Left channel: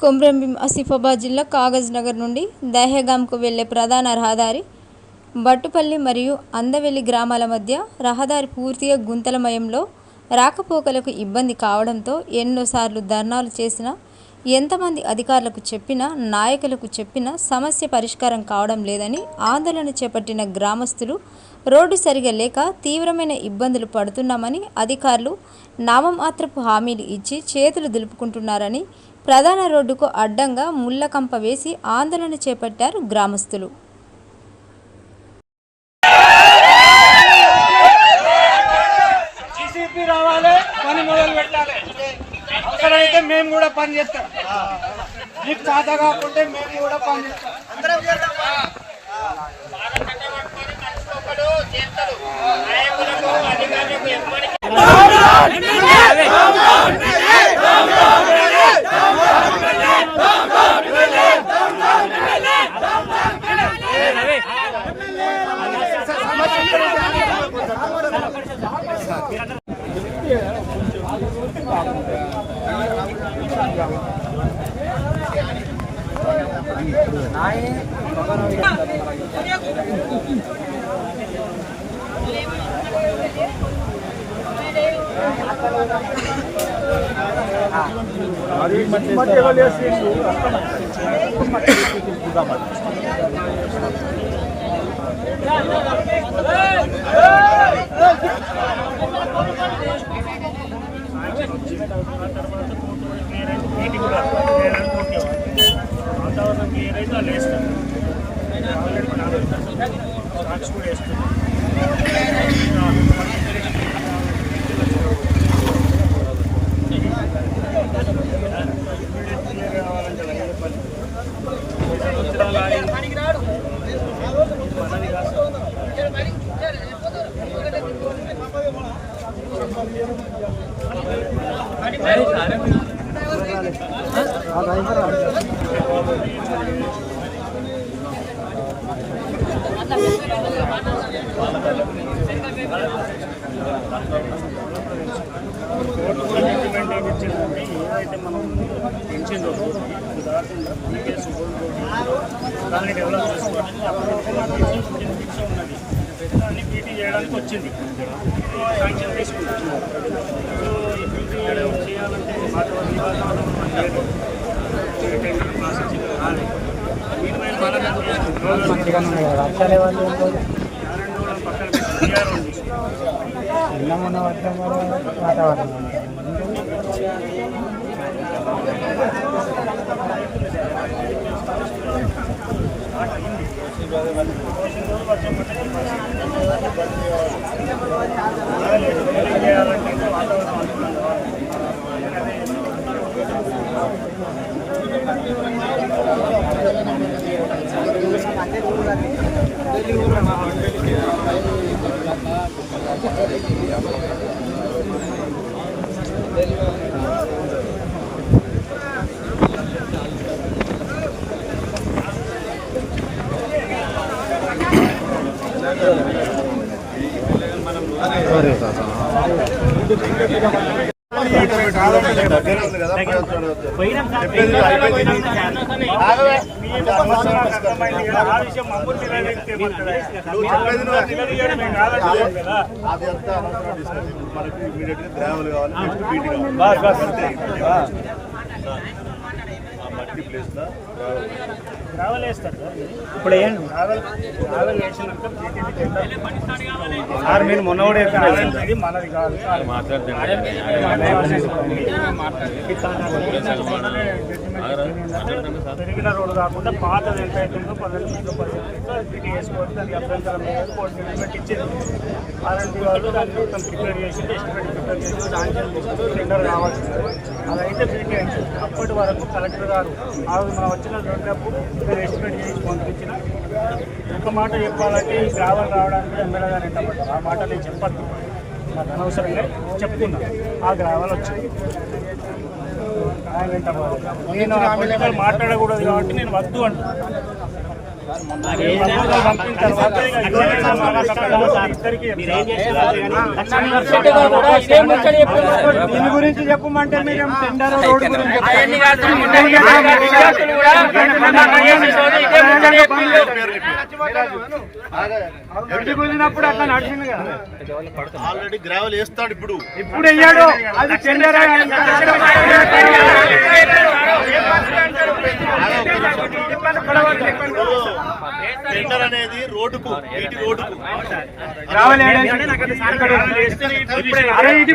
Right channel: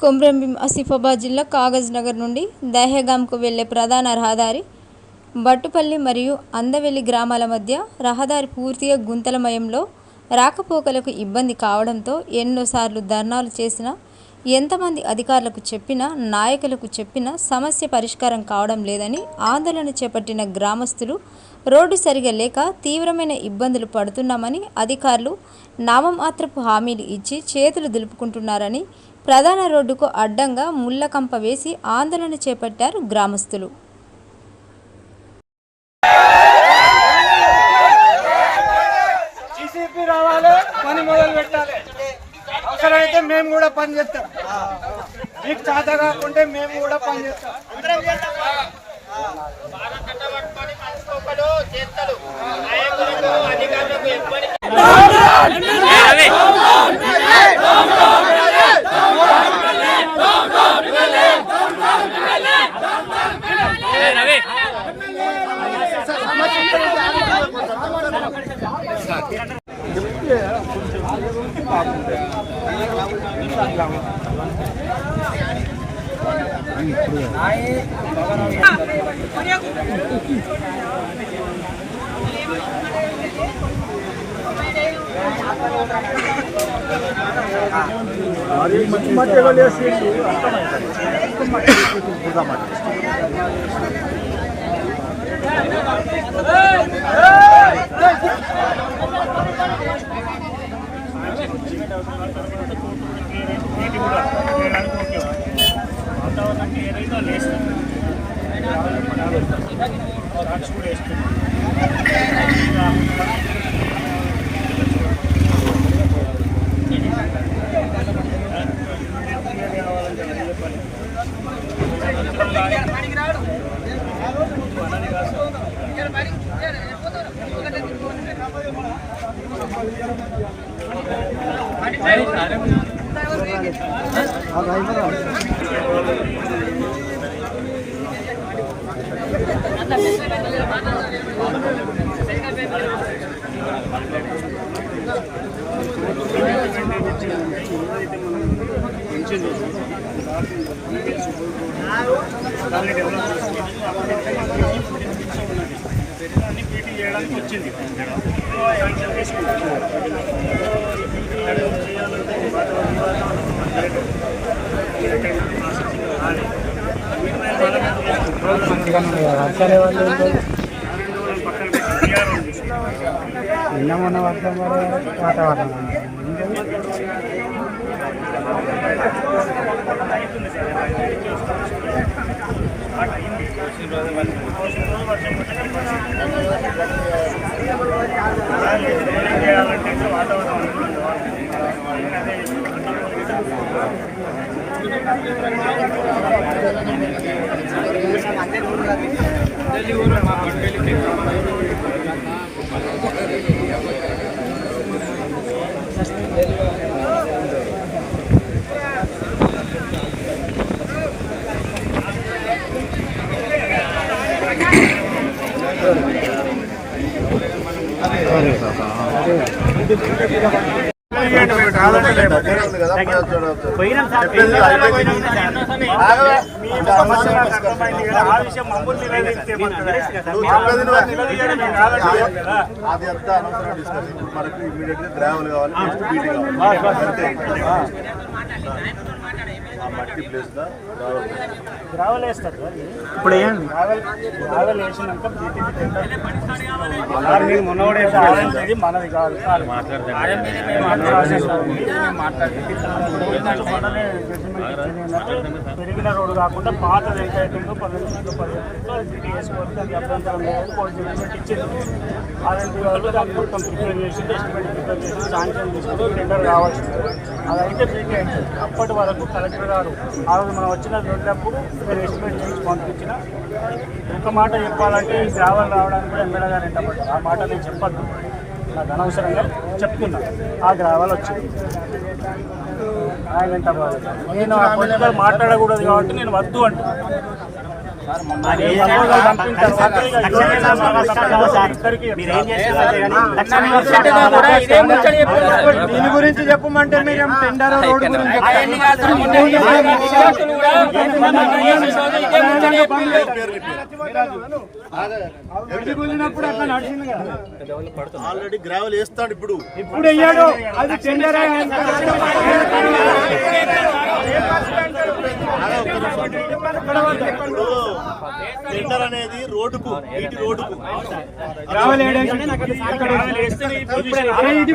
కొమ్రంభీం ఆసిఫాబాద్ జిల్లా కాగజ్ నగర్ నుండి దహేగాంకు వెళ్ళే ప్రధాన రహదారి బట్టుపల్లి మరియు అందవెల్లి గ్రామాల మధ్య రహదారి పూర్తిగా గుంతలమయంలో రాకపోకలకు ఇబ్బంది కావడంతో ఎన్నోసార్లు ధర్నాలు చేసినా ఎంతమంది అధికారులకు చెప్పినా నాయకులకు చెప్పినా సమస్య పరిష్కారం కావడం లేదని ఆందోళన చేపట్టిన గ్రామస్తులు రోడ్డు సరిగా లేక తీవ్రమైన ఇబ్బందులు పడుతున్నామని అధికారులు నామమాత్రపు హామీలు ఇచ్చి చేతులు దులుపుకుంటున్నారని ప్రధాన రోడ్డుకు అడ్డంగా ముళ్ళకంప వేసి ఆందోళన చేపట్టారు గ్రామస్తులు. రావాలి పని మొదలు పెట్టాలి. అవసరమైతే మేము కూడా పని చేస్తాం. మీకు చేత కాకుంటే మేము కూడా పని చేస్తాం. నీటి కూడా వేయడానికి ఓకే వాతావరణం ఏదైతే వాళ్ళు వేస్తారు ఆల్రెడీ కూడా వేస్తున్నారు ఇంకా మనకి తెలిసిన కావాలంటే వీటిల్లో చూడకూడదు. క్లియర్ కావాలంటే అది చెప్పాలి సంవత్సరాలు ఆగి మనది కాదు సార్. ఇంప్లిమెంట్ చేయించిందంటే ఏదైతే మనం పెంచిందో అది కాకుండా ప్రీవియస్ దాన్ని డెవలప్ చేసుకోవడానికి ఉన్నది పీటీ చేయడానికి వచ్చింది శాంక్షన్ సో ఈ పీటీ చేయాలంటే వాతావరణం వాతావరణం మనం ప్రాసెస్ నారాయణ పక్కన వర్షం చేయాలంటే వాతావరణం అనుకూలం కావాలి అదే తెలియదు అది అంతా అనవసరం డిస్కషన్ ఇప్పుడు మనకు ఇమీడియట్గా గ్రావెల్ కావాలి. నెక్స్ట్ బీటీ కావాలి ఆ మట్టి ప్లేస్ దా గ్రావెల్ వేస్తారు కదా ఇది? గ్రావెల్ గ్రావెల్ వేసినాక బీటీపీ టెండర్ సార్ మీరు మొన్నోడే గ్రావెల్ ఇది మనది కాదు పెరిగిన రోడ్డు కాకుండా పాతది ఎంత అవుతుందో బీటీ వేసుకోవచ్చు దానికి అభ్యంతరం లేదు. కోర్టు జడ్జిమెంట్ ఇచ్చింది. ఆర్ఎంపీ వాళ్ళు దాన్ని మొత్తం ప్రిపేర్ చేసి ఎస్టిమేట్ ప్రిపేర్ చేసి శాంక్షన్ తీసుకుని టెండర్ కావాల్సింది అది అయితే బీటీ అప్పటి వరకు కలెక్టర్ గారు. ఆ రోజు మనం వచ్చిన వెళ్ళినప్పుడు నేను ఎస్టిమేట్ చేసి పంపించిన. ఒక మాట చెప్పాలంటే ఈ గ్రావెల్ రావడానికి కూడా ఎమ్మెల్యే గారు ఎంటబడ్డారు ఆ మాట నేను చెప్పద్దు. నాకు అనవసరంగా చెప్తున్నా. ఆ గ్రావెల్ వచ్చింది. ఆయన వెంట నేను ఆ మాట్లాడకూడదు కాబట్టి నేను వద్దు అంటున్నాను దీని గురించి చెప్పమంటే మీరు టెండర్ కుదిరినప్పుడు అట్లా నడిచింది కదా ఆల్రెడీ గ్రావెల్ వేస్తాడు ఇప్పుడు ఇప్పుడు అయ్యాడు అది టెండర్ టెండర్ అనేది రోడ్డుకు వీటి రోడ్డుకు. రావాలి అరే ఇది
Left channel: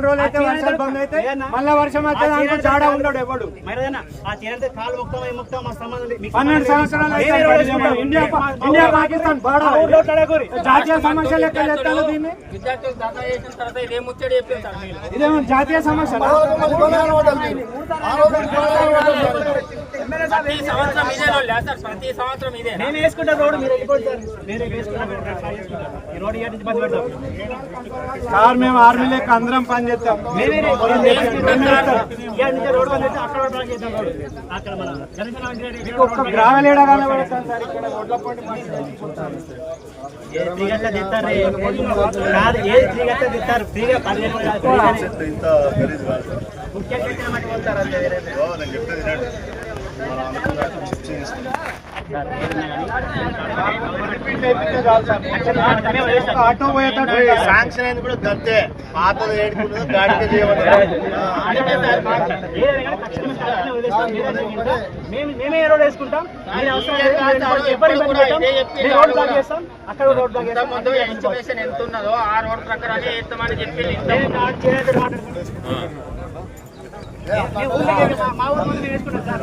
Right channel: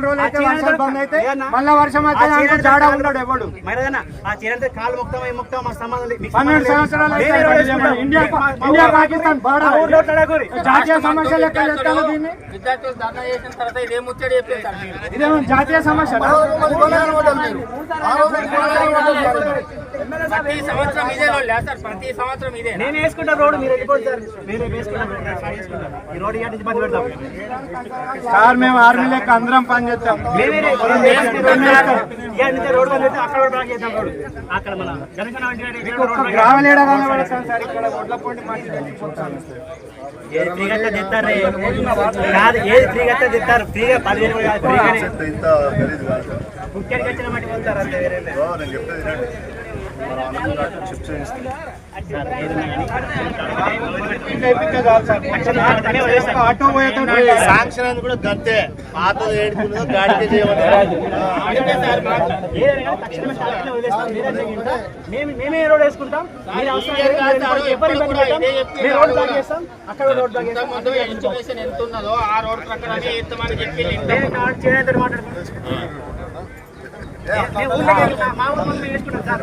నాలుగు రోజులు అయితే వర్షాలు బంద్ అయితే మళ్ళా వర్షం అయితే దాంట్లో జాడా ఉన్నాడు ఎవడు. పన్నెండు సంవత్సరాలు ఇండియా ఇండియా పాకిస్తాన్ బాడా జాతీయ సమస్య లెక్క చెప్తాను దీన్ని? ఇదేమో జాతీయ సమస్య సార్ మేము ఆర్మీ లెక్క అందరం పని చేస్తాం పొలం చేస్తాం. ఫ్రీగానే. చెత్త ఇంత గలీజ్ కాదు. నేను వినండి. మనం ఆటో పోయేటోడు శాంక్షన్ అయింది కూడా గంతే. పాతది ఏడుకున్నదో గాడికే మేము రోడ్ వేసుకుంటాం రోడ్ బ్లాక్ చేస్తాం? అక్కడ రోడ్ బ్లాక్ చేస్తాం ముందు ఎంత ఉన్నదో ఆ రోడ్ ఎత్తమని చెప్పి వేసుకుంటాం